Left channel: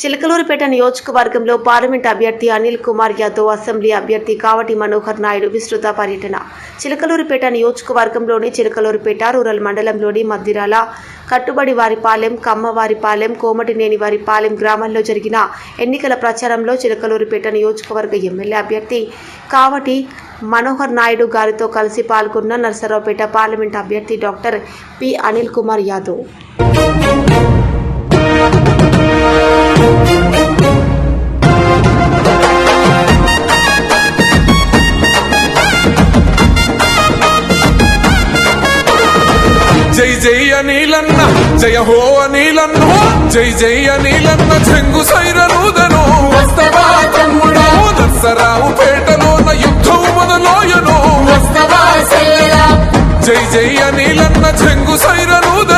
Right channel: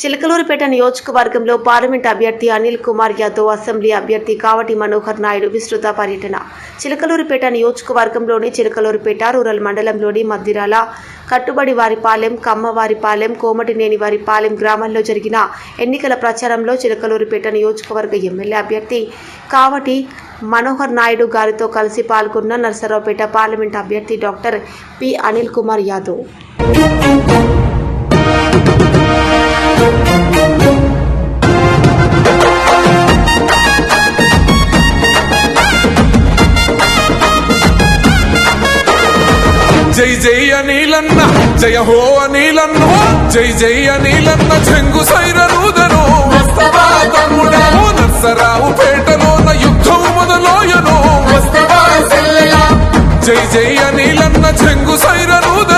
చిలకలూరుపేట నియోజకవర్గంలో పార్లమెంట్ అభ్యర్థి అనిల్ కుమార్ యాదవ్ అసెంబ్లీ అభ్యర్థి కావటి మనోహర్ నాయుడు విస్తృత పర్యటన. చిలకలూరుపేట నియోజకవర్గంలోని చిలకలూరుపేట రూరల్ మండలంలోని మద్దిరాల కట్టుబడి వారిపాలెం కమ్మవారిపాలెం కోమటినేని వారిపాలెం గ్రామాల్లో జరిగిన ఎన్నికల ప్రచారంలో చిలకలూరుపేట నియోజకవర్గ ఎమ్మెల్యే అభ్యర్థి కావటి మనోహర్ నాయుడు గారితో కలిసి పాల్గొన్న నర్సరావుపేట పార్లమెంట్ అభ్యర్థి డాక్టర్ పి. అనిల్ కుమార్ యాదవ్. జై జై అనిలన్న జయ హో అనిలన్న జై జై అనిలన్న చెంగు తమ్ముడా? ఓ నర్సరావు పేటలోన యుద్ధం మొదలోయను. జై జై అనిలన్న చెంగు సైరనూదను వస్తవా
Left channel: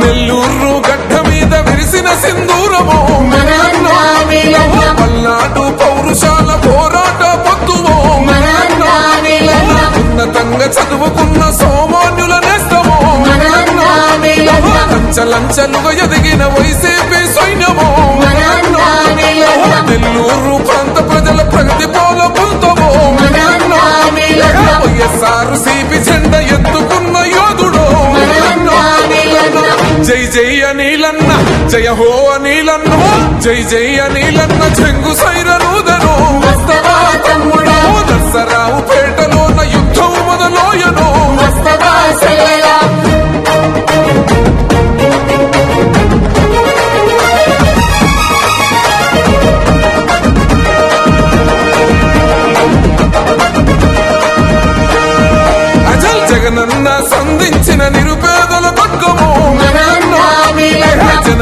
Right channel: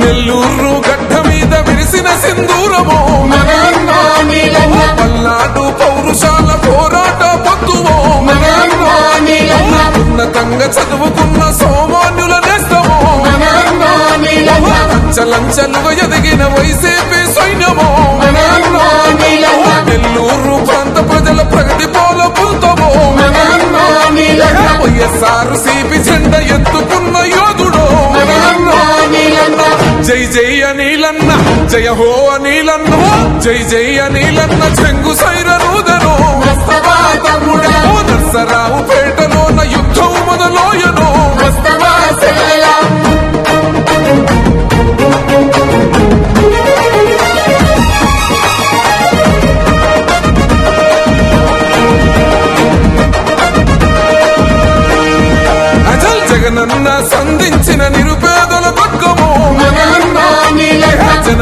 నెల్లూరు గడ్డ మీద విరిసిన సింధూరము. పల్నాడు పౌరుషాల పోరాట పొత్తువో ఉన్నతంగా చదువుకున్న సోమాన్యుల నేస్తమో. లంచలుగా ఎదిగిన వైసీపీ సైన్యమో. నెల్లూరు ప్రాంత ప్రజల ప్రగతి పోల పుల్తమో వైఎస్ఆర్ సిపి జెండ ఎత్తుకున్న యోధుడో. జై జై అనిలన్న జయ హో అనిలన్న జై జై అనిలన్న చెంగు సైరనూదను నర్సరావు పేటలోన యుద్ధం మొదలోయను. జగనన్న సంధించిన నిరుపేదల పక్కము.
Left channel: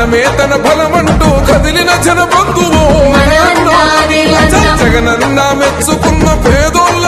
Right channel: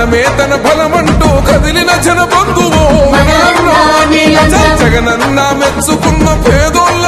జనమే తన బలమంటూ కదిలిన జన బంధువు జగనన్న మెచ్చుకున్న పేదోళ్ళ